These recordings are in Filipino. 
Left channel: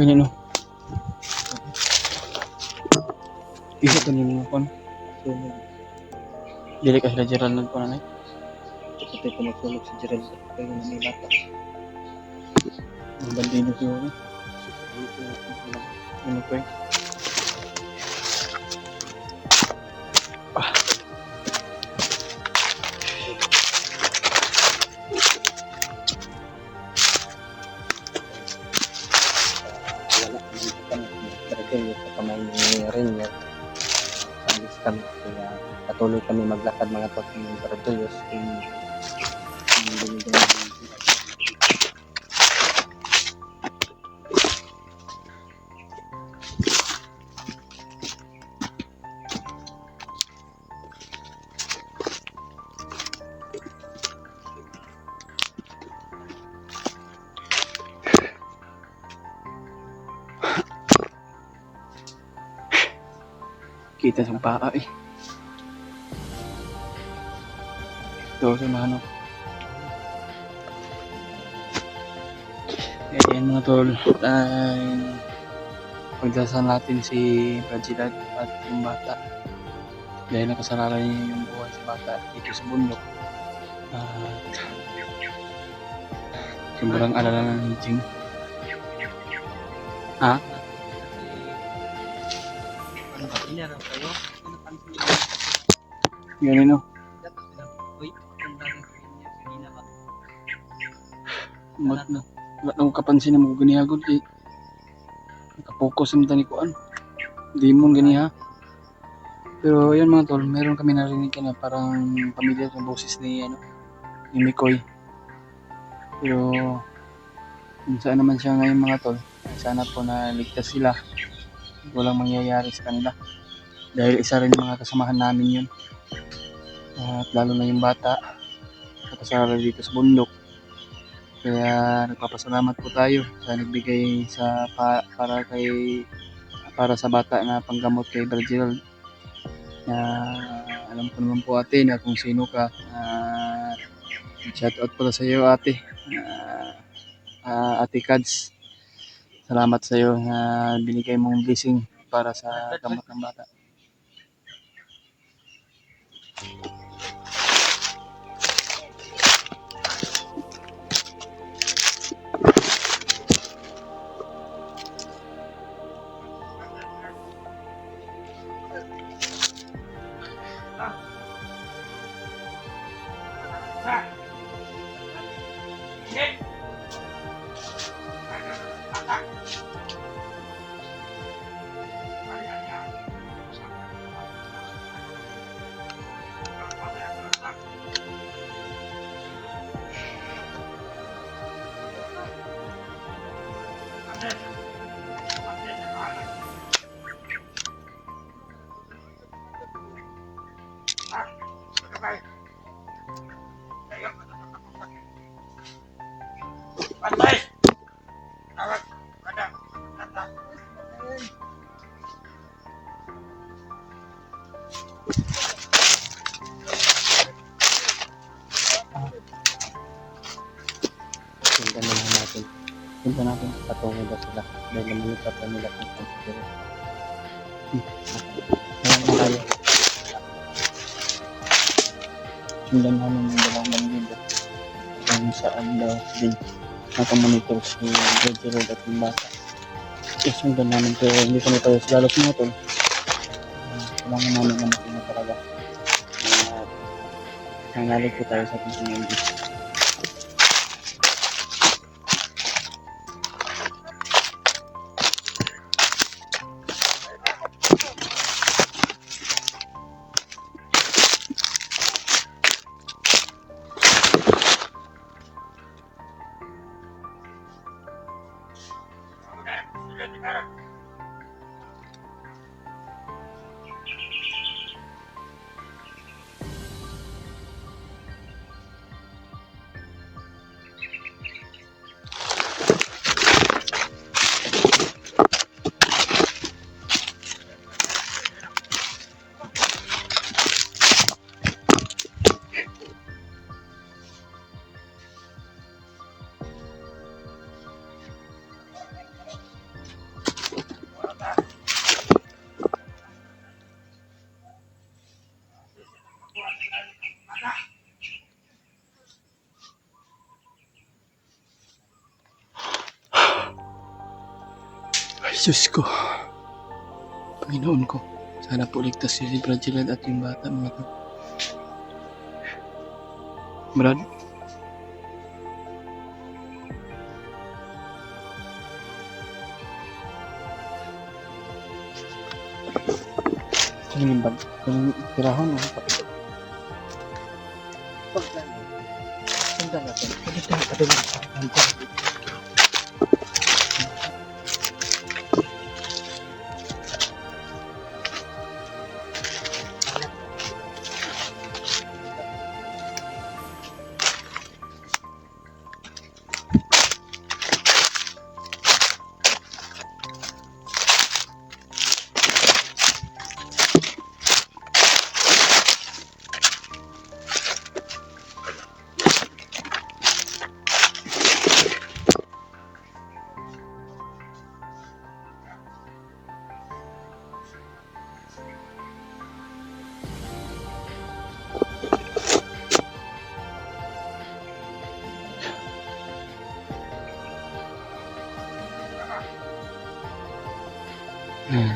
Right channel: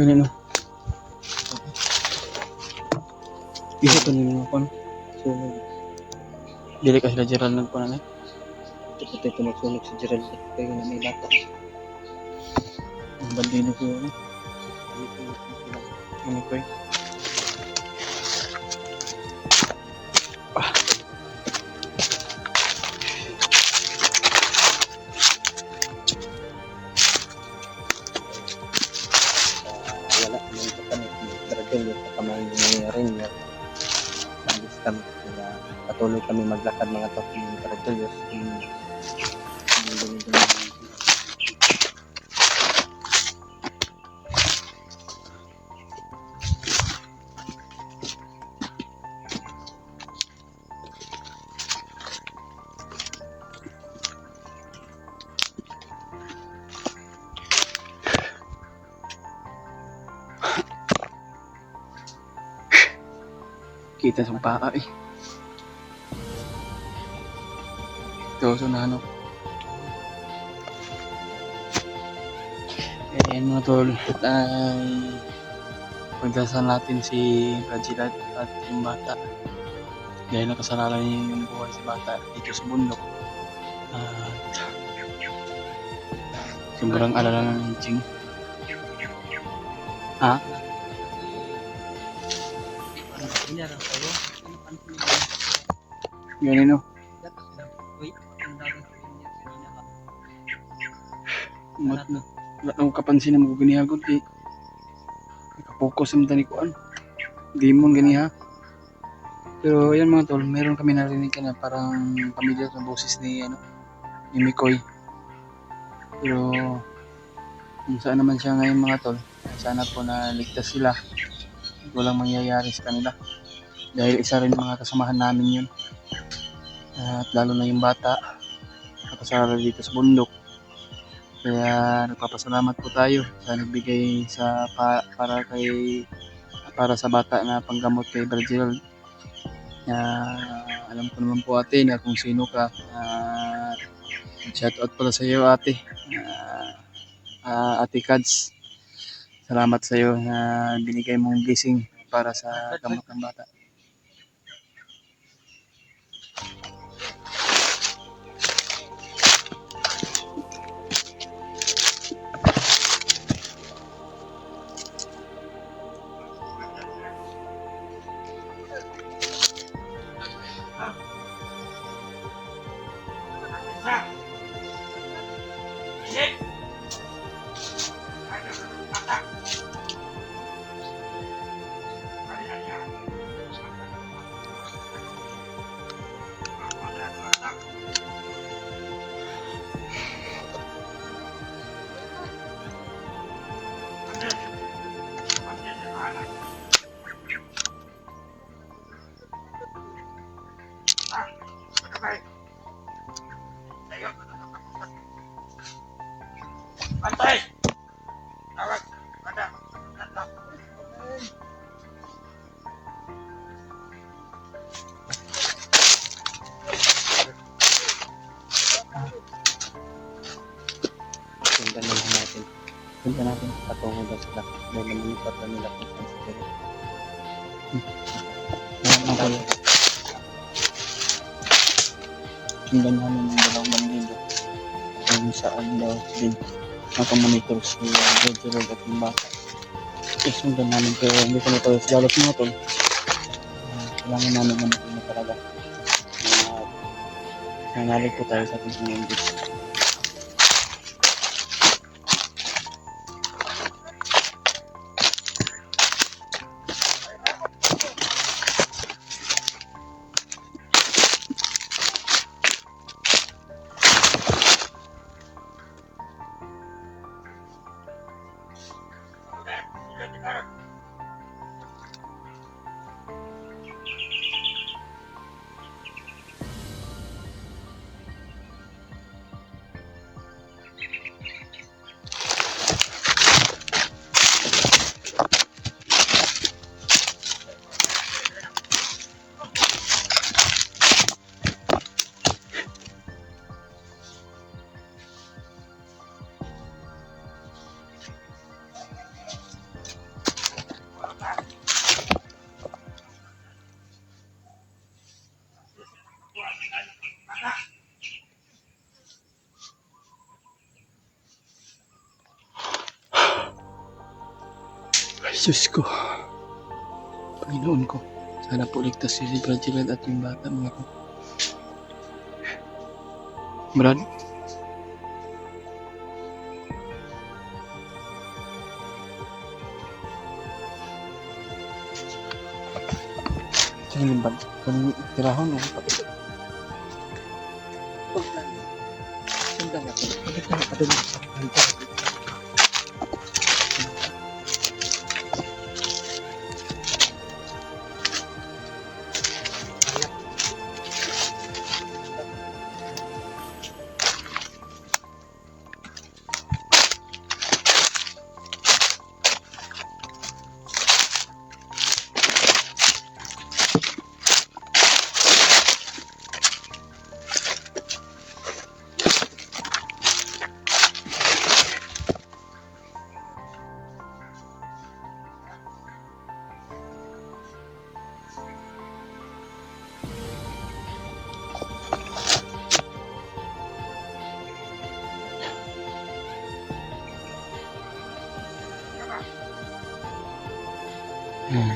Ganyan no. Isa to ni mga kon. Sunog. Dili ka sila Gerald nagkunan eh. Ito ito magsunog si Gerald. Kaya na may bata. Ang bandido ko yun eh. Ano ko eh. Wala naman ito kami. Bradel yung kamay ni rin yun. Alis kami. Kaya patuloy kami maglakad mga tot ng Bradel. Kita sa paa eh. Ito so na ano. Ayan mga tol. Ay pagdasal natin si Bradel at yung bata. Dahil nakasarala niya yung buhay si bata dito sa bundok. At sobrang alala ng Jing. Ha? Ganun no. Mat na. Wala na ko kapansin na mga ganihagod eh. Nakapokus ang tani ko an. Demon ganiha. Pero yan mga tol, meron kami narinig na parang pamilya ng boses ni ni Mikoy. Pero kung saan naman siya ngayon mga tol, sana po na ligtas sila. Walang mangyayari sa kanila. Dahil isa rin mga kasamahan namin yun. At lalo na yung bata, nakasara dito sa bundok. Kaya nagpapasalamat po tayo sa nagbigay para sa bata na panggamot kay Bradel. Alam ko naman po ate na kung sino ka. Shout out pala sa iyo ate. Ate Kads. Salamat sa iyo na binigay mong blessing para sa gamot ng bata. Sundan na lang natin. Punta natin. Patungo daw sila. Dahil namanipat na nila kung saan si Gerald. Sundan namin yung dalawang bandido. Kung saan daw din nakamonitor si Bradel at yung bata. Sundan namin pero hindi kami tayo sa galos mga tol. Kailangan namin na talaga. Nangalig po tayo sa ating English. Diyos ko. Panginoon ko. Sana po ligtas si Brad Gilad at yung bata mga to. Brad? Kung limbad, kung tirahon, pakita. Sandal natin. Pwede tayo padulong.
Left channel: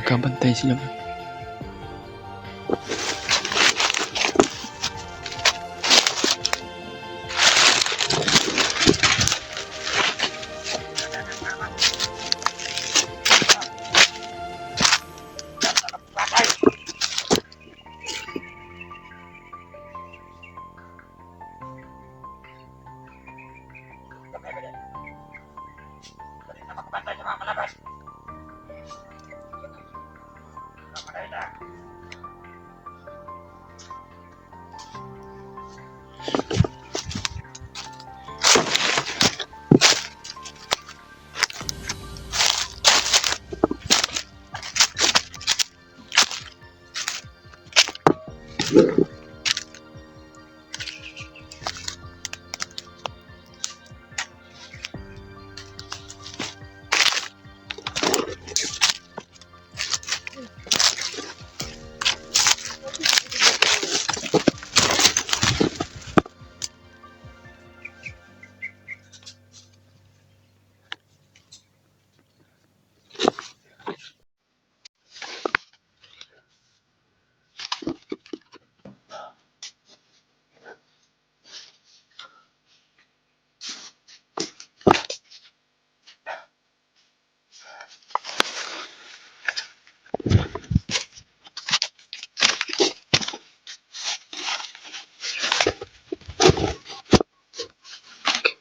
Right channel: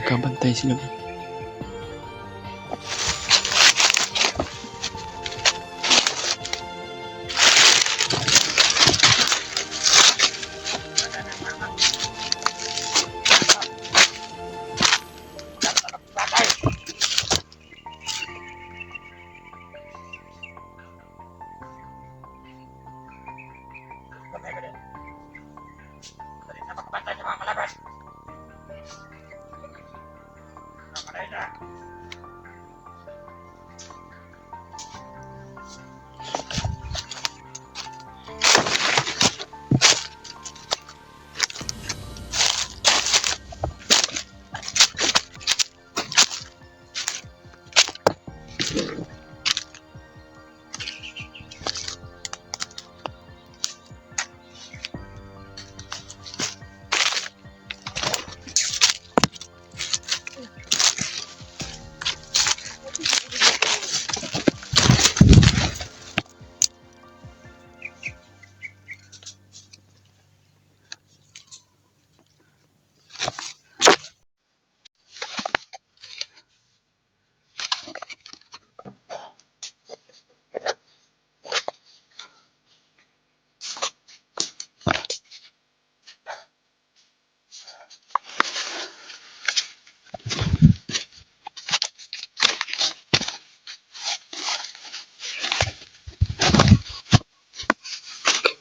Kabantay sila.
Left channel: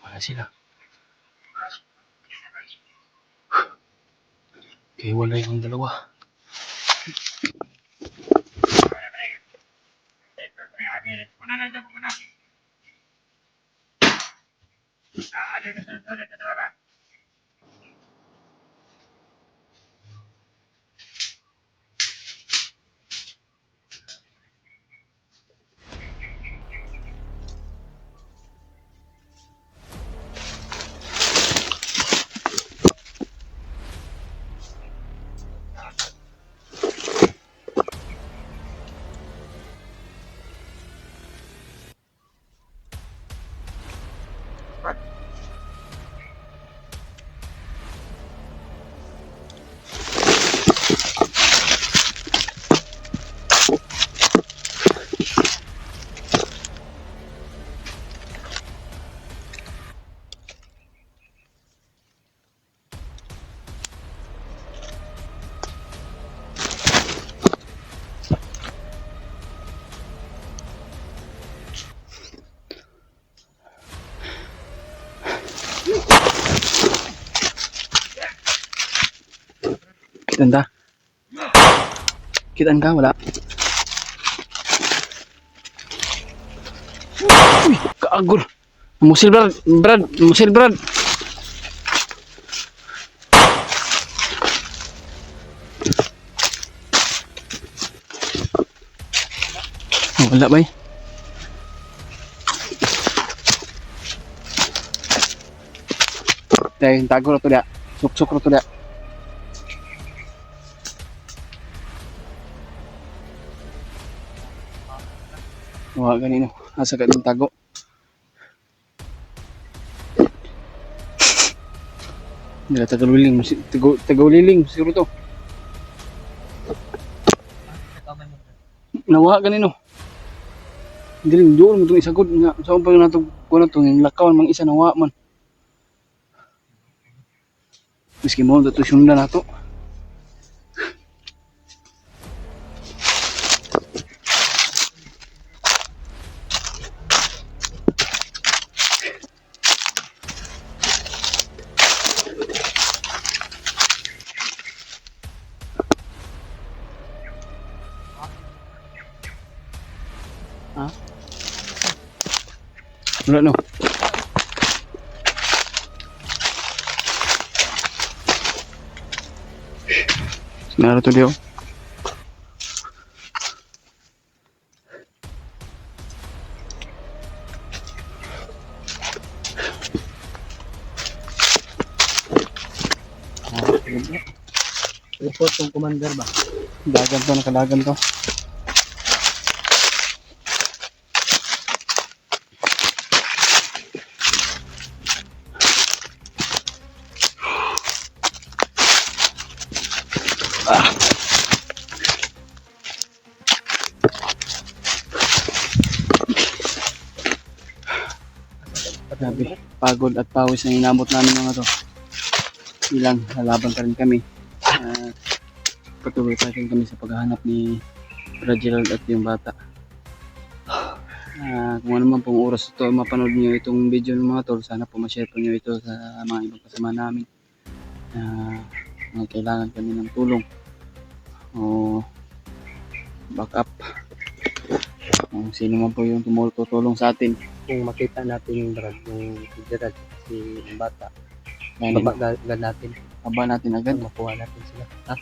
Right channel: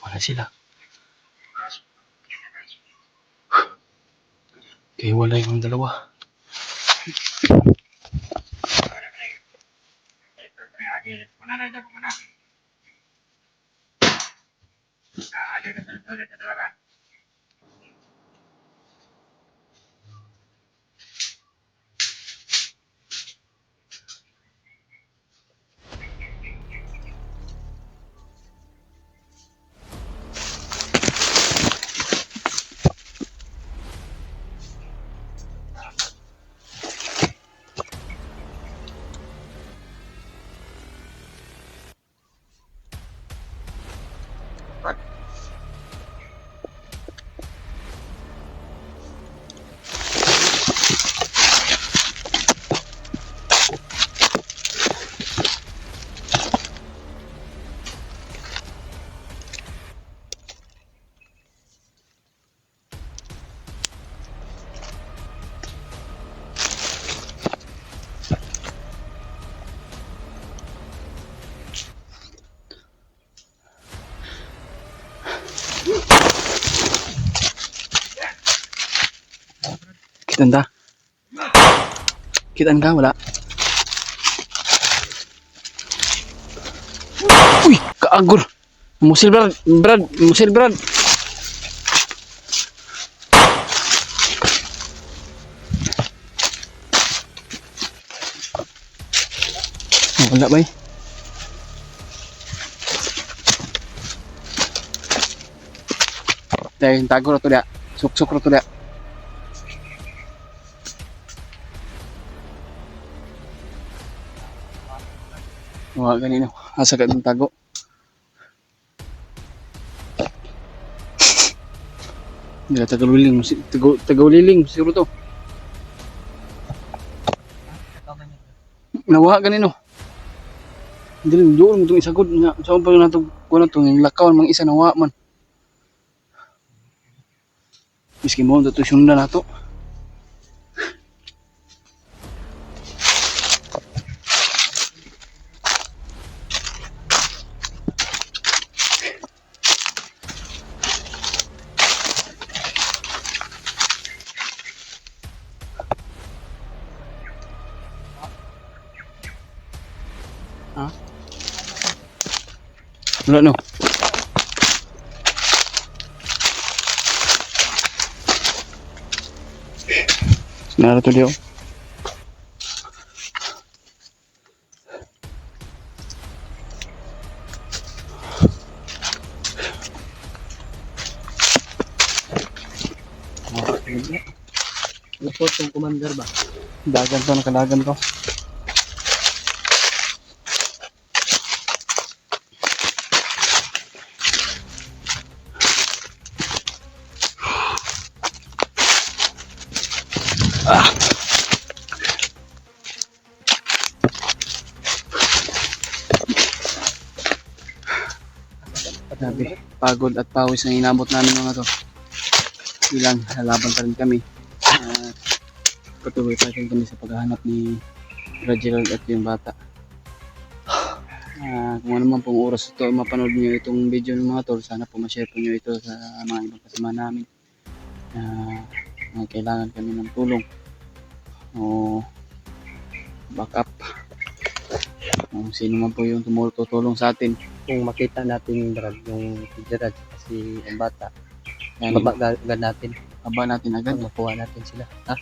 Wala sila. Kaya wala yung dalawa. Kitan ta? Kitan ka? Wala? Uy! Kaagor! Musil Brad! Brad! Musil Brad! Oh, wala ba eh? Dahil tago na to dia. Suk-suk na to dia. Wala ganino. Asa ka din tago. Dila Tagaliling, Tagaliling siguro to. Nawa ganino. Dili doon mo itong isagod nga. Saan pa na ito, kung na ito, yung lakawan, mga isa nawa man. Miski mo, ito sundan na ito. Ha? Wala no. Nara to diyo. Lapot yung commander ba? Dagan to, nakadagan to. Grabe, pagod at pawis na inabot namin mga to. Ilang lalaban pa rin kami. Patuloy pa rin kami sa paghahanap ni Reginald at yung bata. Kung ano man pong oras ito mapanood nyo itong video ng mga tol, sana po ma-share po nyo ito sa mga ibang kasama namin. Mga kailangan kami ng tulong o backup. Kung sino man po yung tumutulong sa atin. Kung makita natin yung Brad, yung si Gerald, si ang bata, Yan, agad natin, aba natin agad. makuha natin sila. Ha?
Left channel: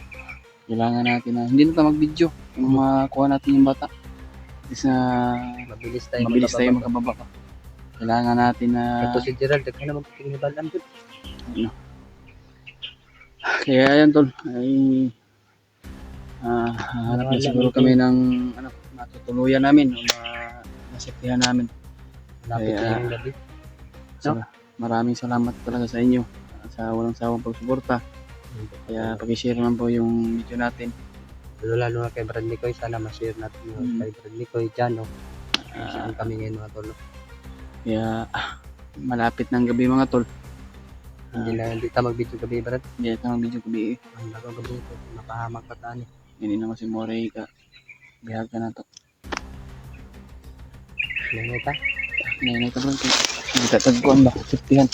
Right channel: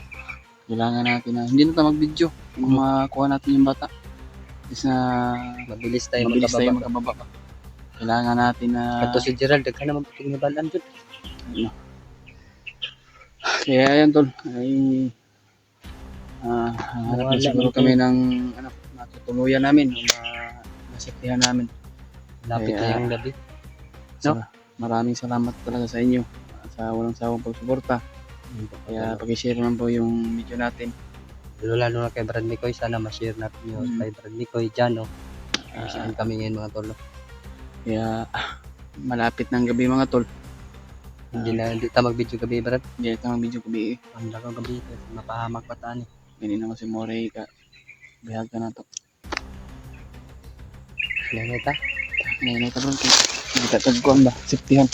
Kailangan natin na hindi na tayo mag-video kung makuha natin yung bata. Is na Mabilis mabilis tayo makababa pa. Kailangan natin na Ito si Gerald, daghan naman piting hibalan dyan. ano. Kaya ayan tol, ay hanap na siguro kami ng ano, matutuluyan namin o masiptihan namin. Lapit Kaya, na yung gabi. Maraming salamat talaga sa inyo sa walang sawang pagsuporta. Kaya pag-share naman po yung video natin. Lalo na kay Brad Nicoy, sana ma-share natin yung kay Brad Nicoy, Jano. Saan kami ngayon mga tol. Kaya malapit ng gabi mga tol. Hindi tayo mag-video gabi, Brad. Hindi ito ang video gabi. Ang lakaw gabi ito, mapahamag pataan eh. Hindi naman si Morey ka. Bihag ka na to. Nangita. Ngayon ito bro. Hindi tatagkuhan ba? Siftihan.